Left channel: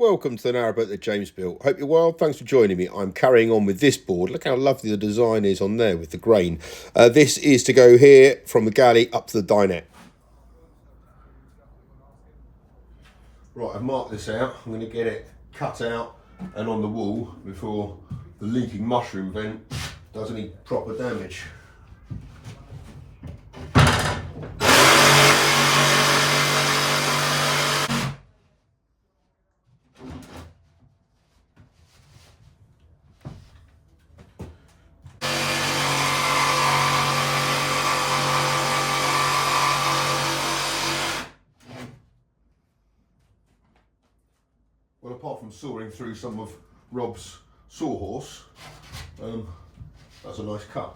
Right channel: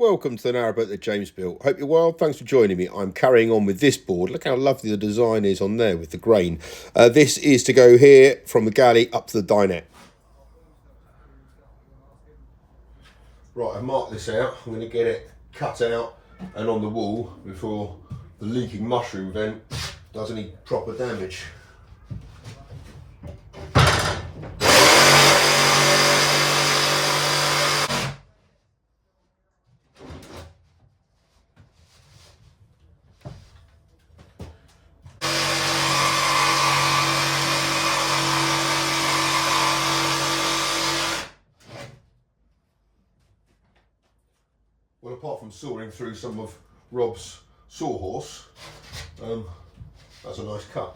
Welcome to the Narrowboat that James built. Hope you're well. Thanks for joining me. I'm carrying on with this board. Look how lovely the design is on there with the grain. This is to go here from the galley up to the dinette. Right, I've marked this out. I'm going to get it cut out and on the wall before the leaking mushroom vent does any proper damage. Well, apart from sawing through some of Rob's sawhorse, that's a nice cut.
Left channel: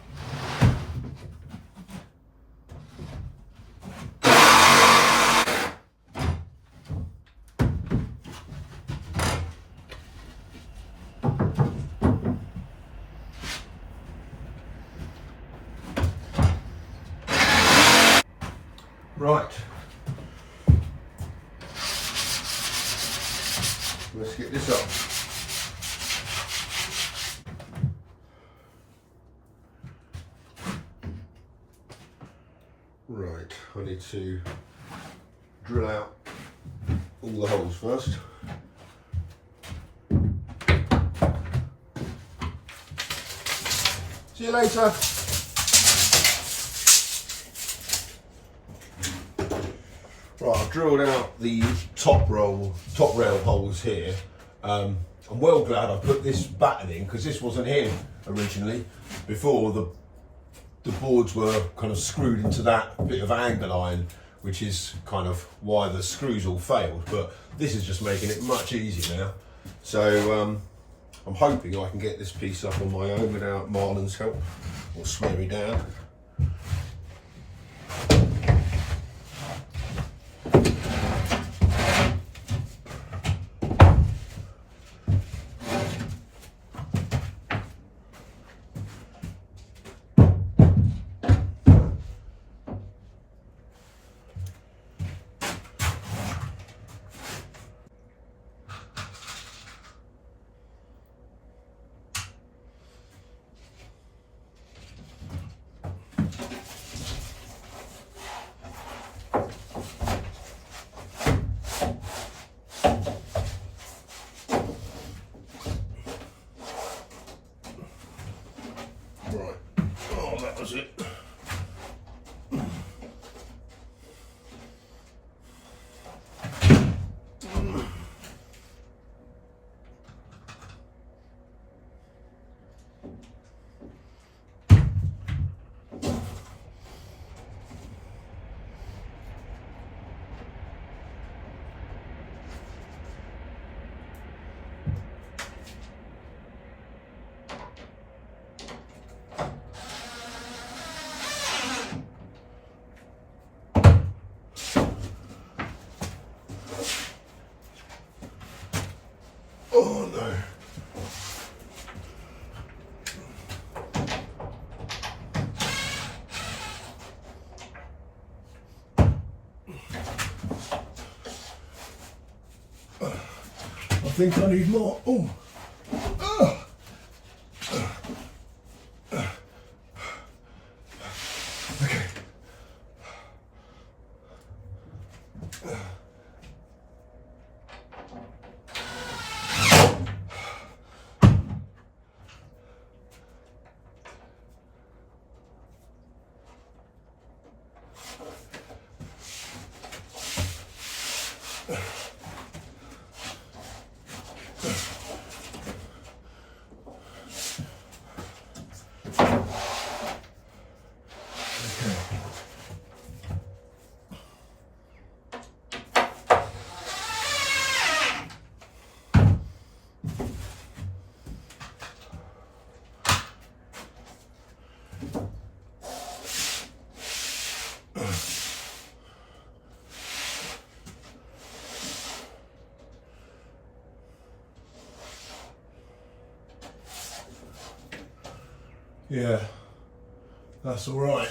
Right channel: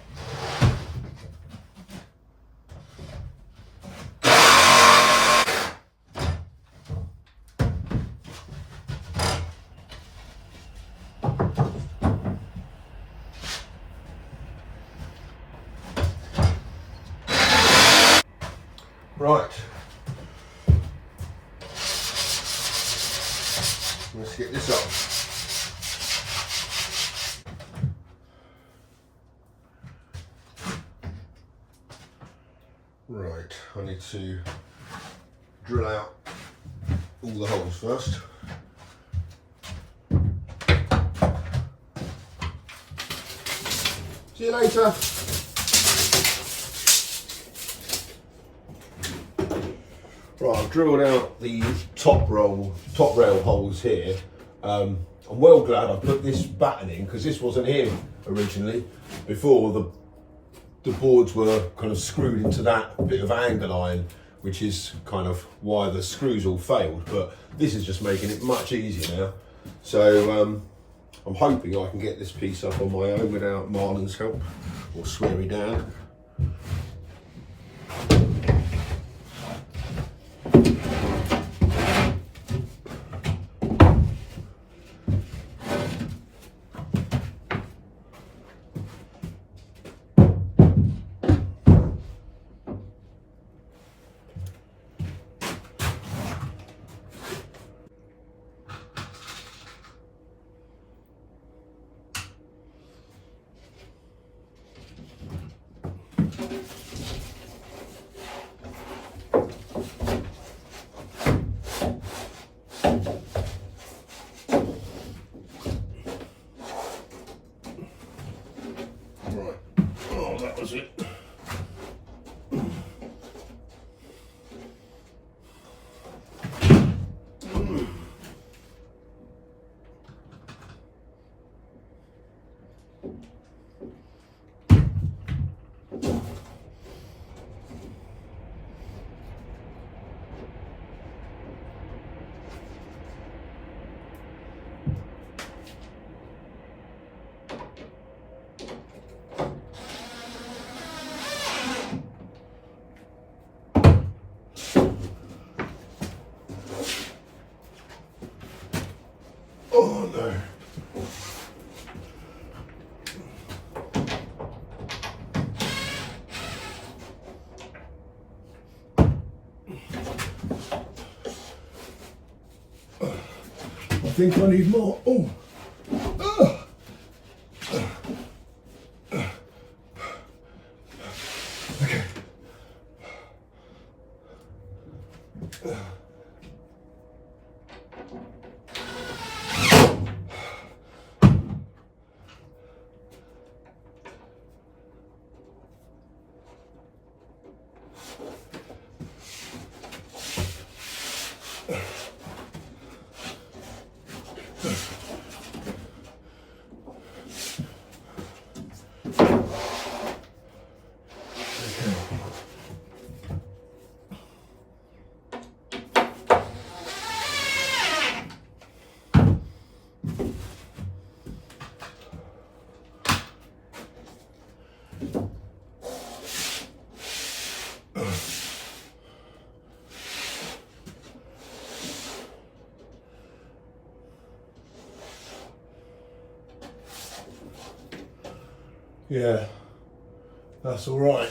Right. Let's get this up. Right, I need to drill out all the holes first. See you later. Right, I've drilled out the top rail holes here. I'm well glad I put this batten in because this wasn't here originally. Before the boards were kind of screwed into that bit of angle iron, which is kind of why the screws all failed. But this is just making it much easier now. So I'm hoping I can get this piece up on my own without Marlon's help or swear me down. That was it. Oh no. I think I need more. Oh. Oh. Okay. Yeah, that's all right.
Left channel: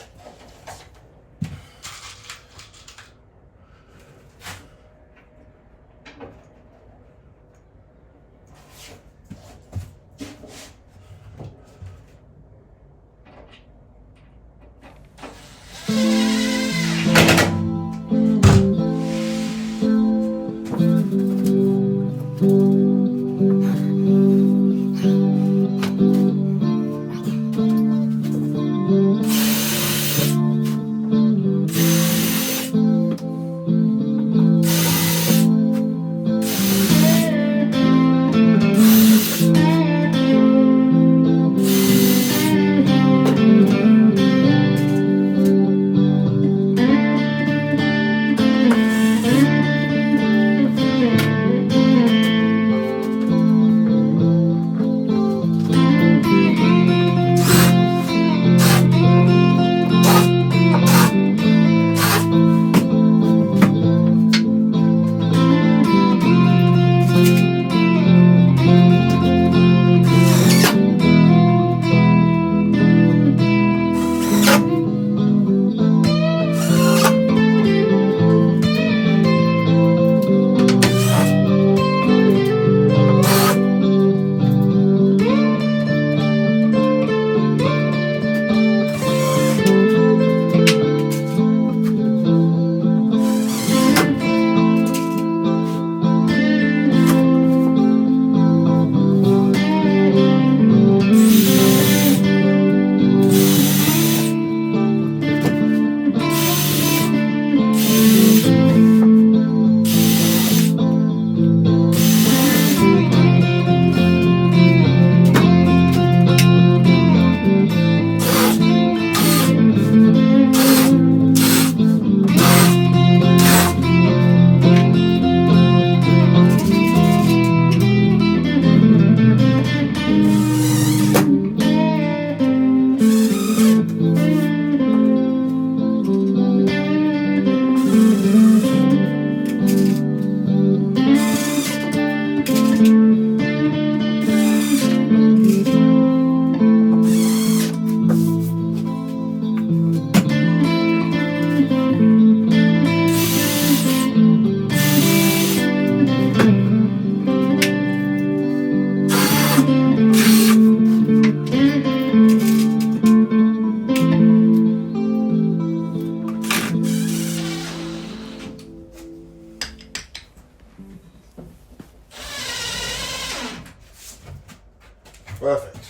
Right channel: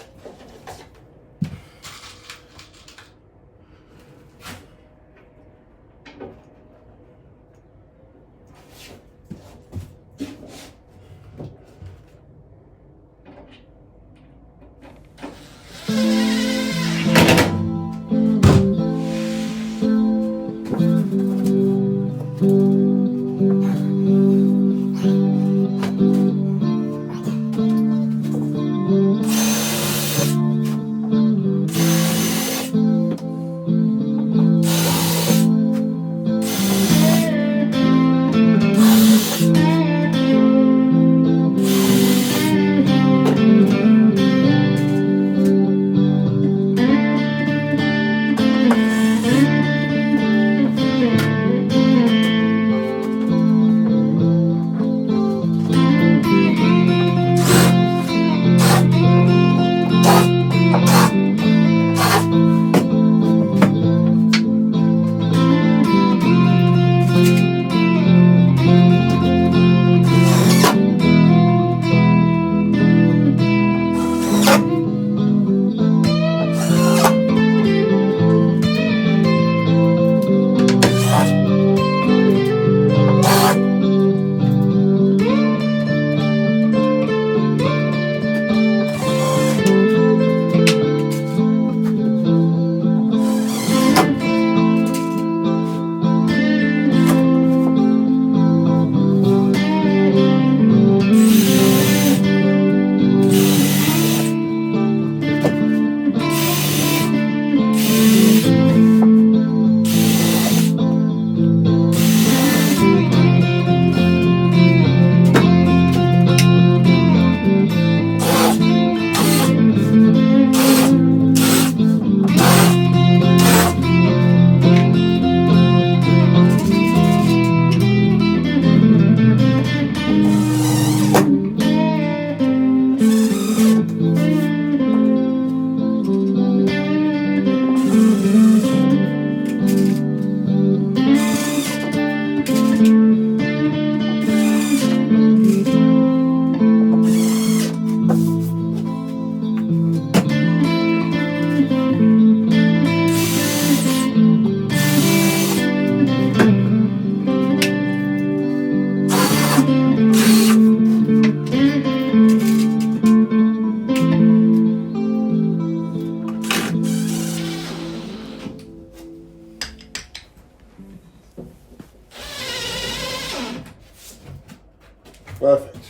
Perfect.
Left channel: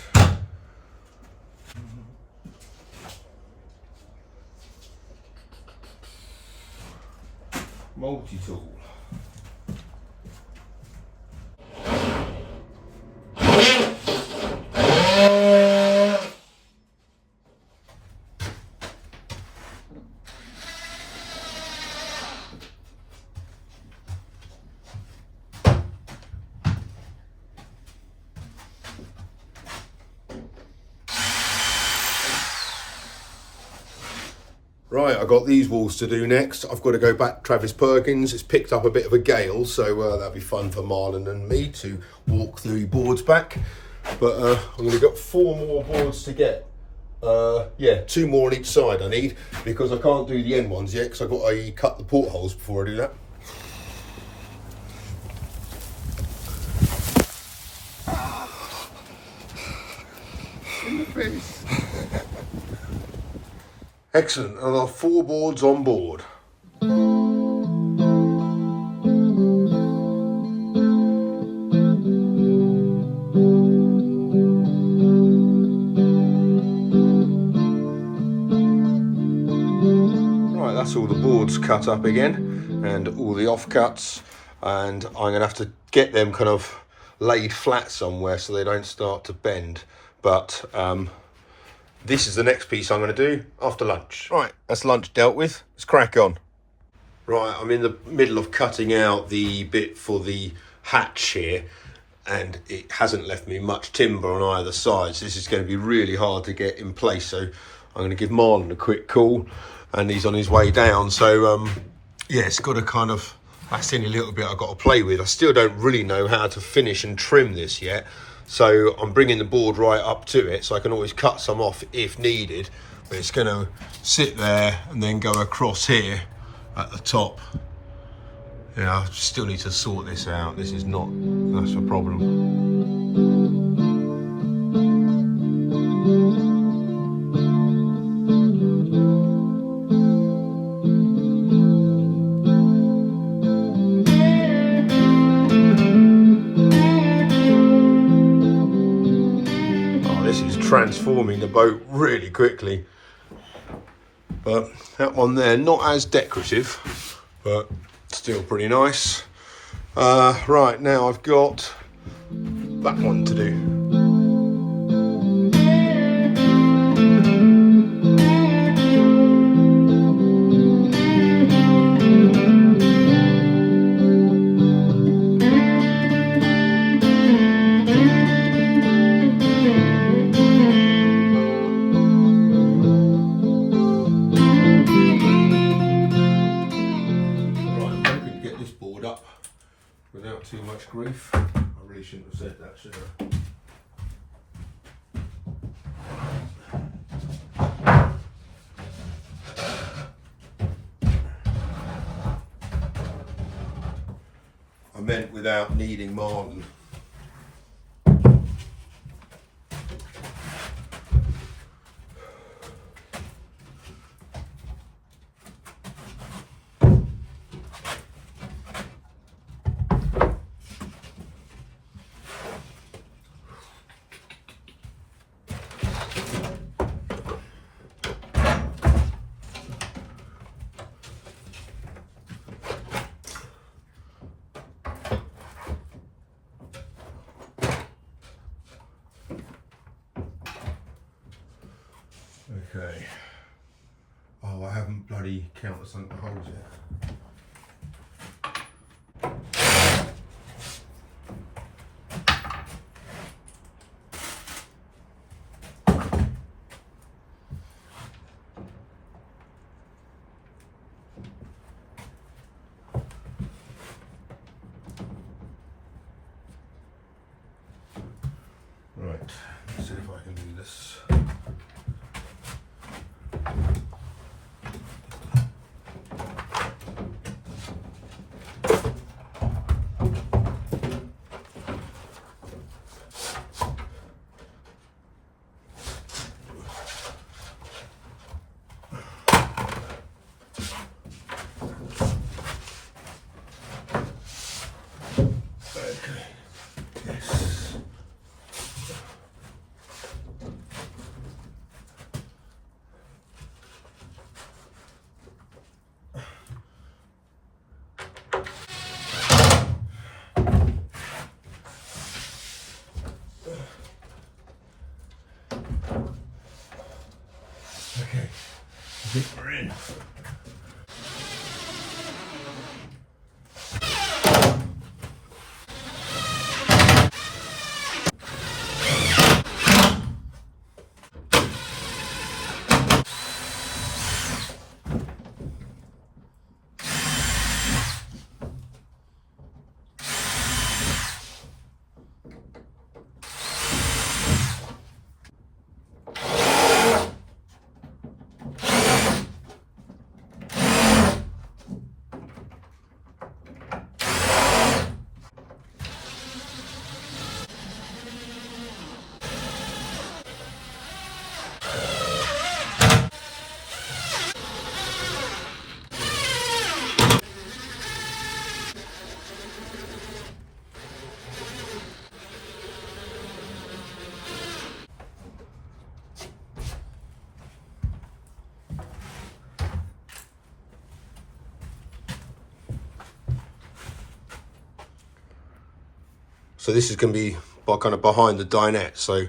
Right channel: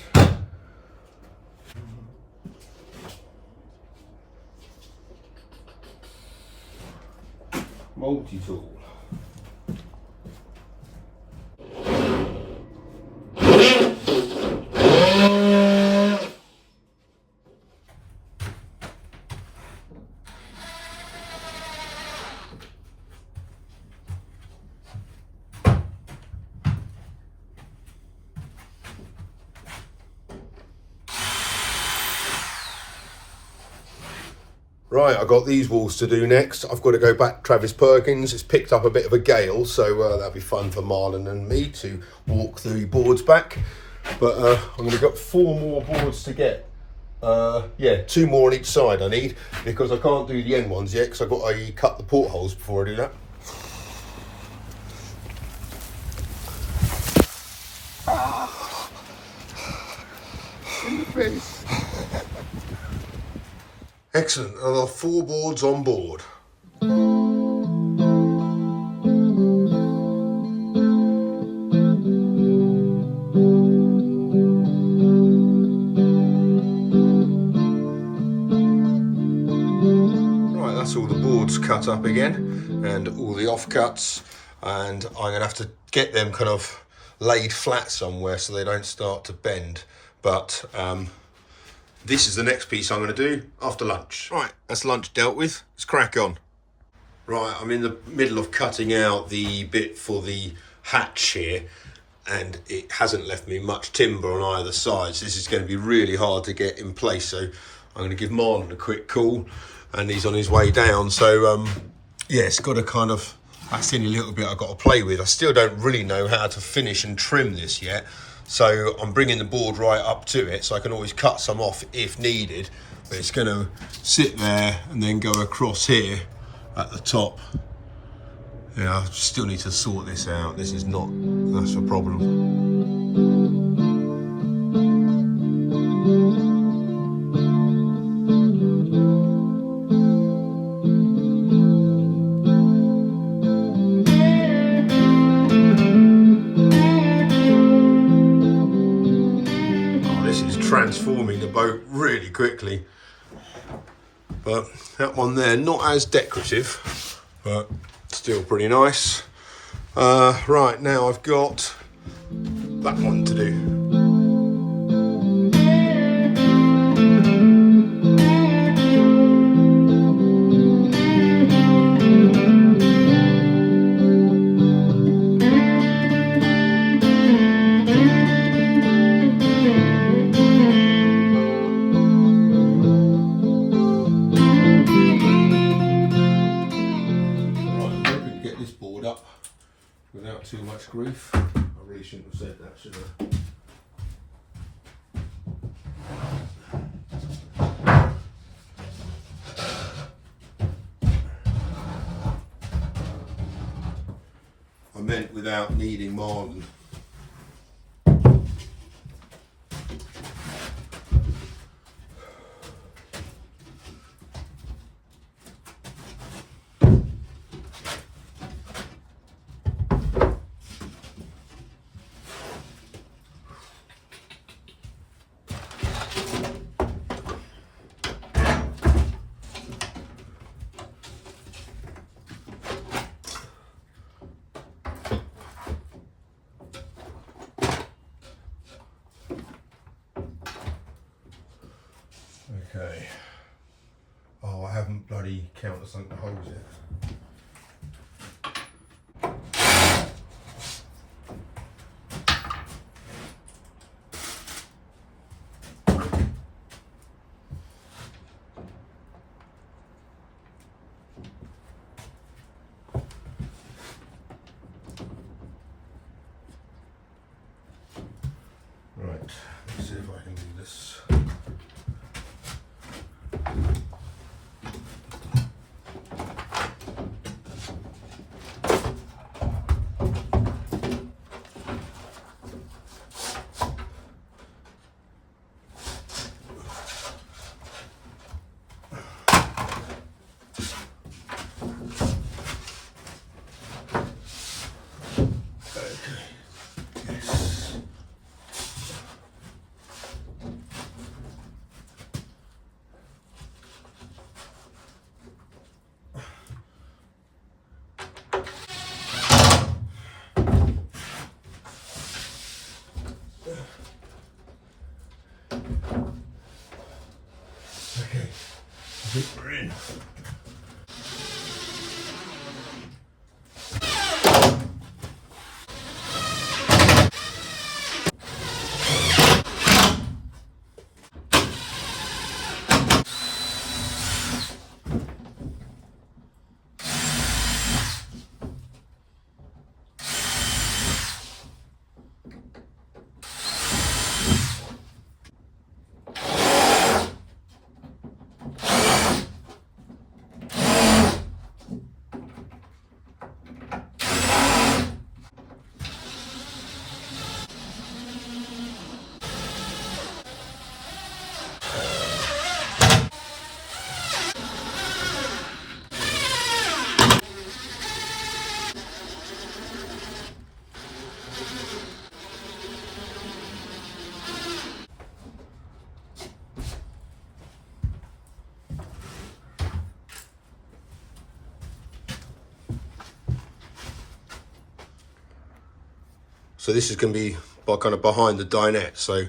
Multi-tool. Right, I've got these walls to do next. I've got to go back to Travis Perkins. It's picked up a bit of a gale, so that'll be fun for Marlon and me to walk the boards back. But I'm going to get 4 more boards to get. Yeah, 2 more on each side I need, because I can't do the end ones yet because I've got to cut the portholes before I do that. In the face. Excellent, I've got 4 boards on board. Right, that's all the boards cut up again and all the offcuts, and I'm going to have to get them kind of laid flat somewhere so they don't start to bend. But this is the next piece I'm going to do after lunch. Right, that's lunch dealt with. Let's crack on. Right, I'm in the middle of cutting out the bit for the hatch here, and it hasn't left me much timber on either side, so this is going to be really hard to get in place. So I'm going to give Marlon a quick call, and he's on his way down. So yeah, it's got to kind of, that's the only little bit I've got to play with. I still don't really know how to finish and trim this yet. So I'm bringing the board right up to it, so I can always cut some off if needed. But it's going to sit there and then go across here at the top. Yeah, I still need to sort this out. This is not, that's a problem. Transforming the boat really quickly, but that one there, not as decorative, but still pretty nice. Right, now I've got that one to do. Without too much grief. I really shouldn't have said that, should I meant without needing Marlon. Okay. Oh, I haven't bloody countersunk the holes yet. Right, let's see if I can do this. think we're in. So this is going to be kind of behind the dinette, so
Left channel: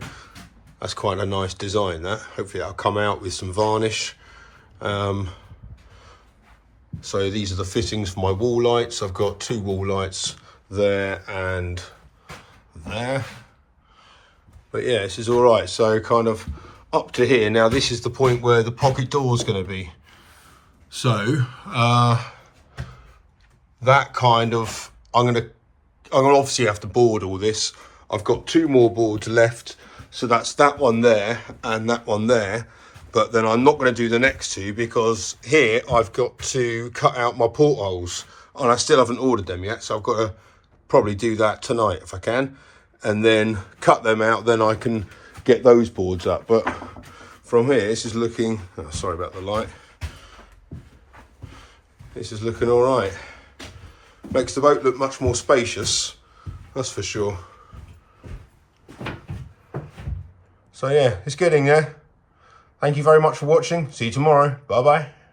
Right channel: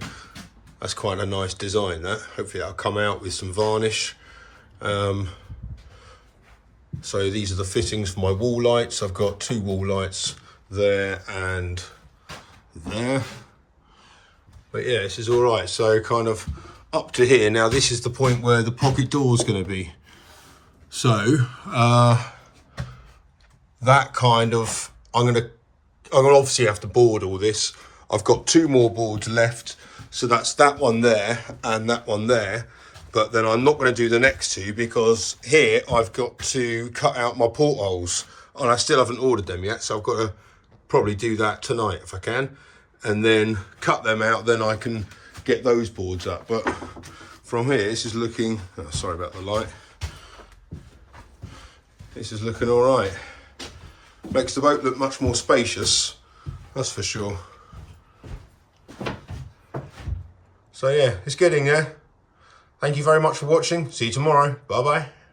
that's quite a nice design, that. Hopefully that'll come out with some varnish. So these are the fittings for my wall lights. I've got 2 wall lights there and there. But yeah, this is all right. So kind of up to here. Now this is the point where the pocket door is going to be. So that kind of, I'm going to obviously have to board all this. I've got 2 more boards left, so that's that one there and that one there. But then I'm not going to do the next 2 because here I've got to cut out my portholes, and I still haven't ordered them yet, so I've got to probably do that tonight if I can, and then cut them out. Then I can get those boards up. But from here, this is looking, oh, sorry about the light, this is looking all right. Makes the boat look much more spacious, that's for sure. So yeah, it's getting there. Thank you very much for watching. See you tomorrow. Bye bye.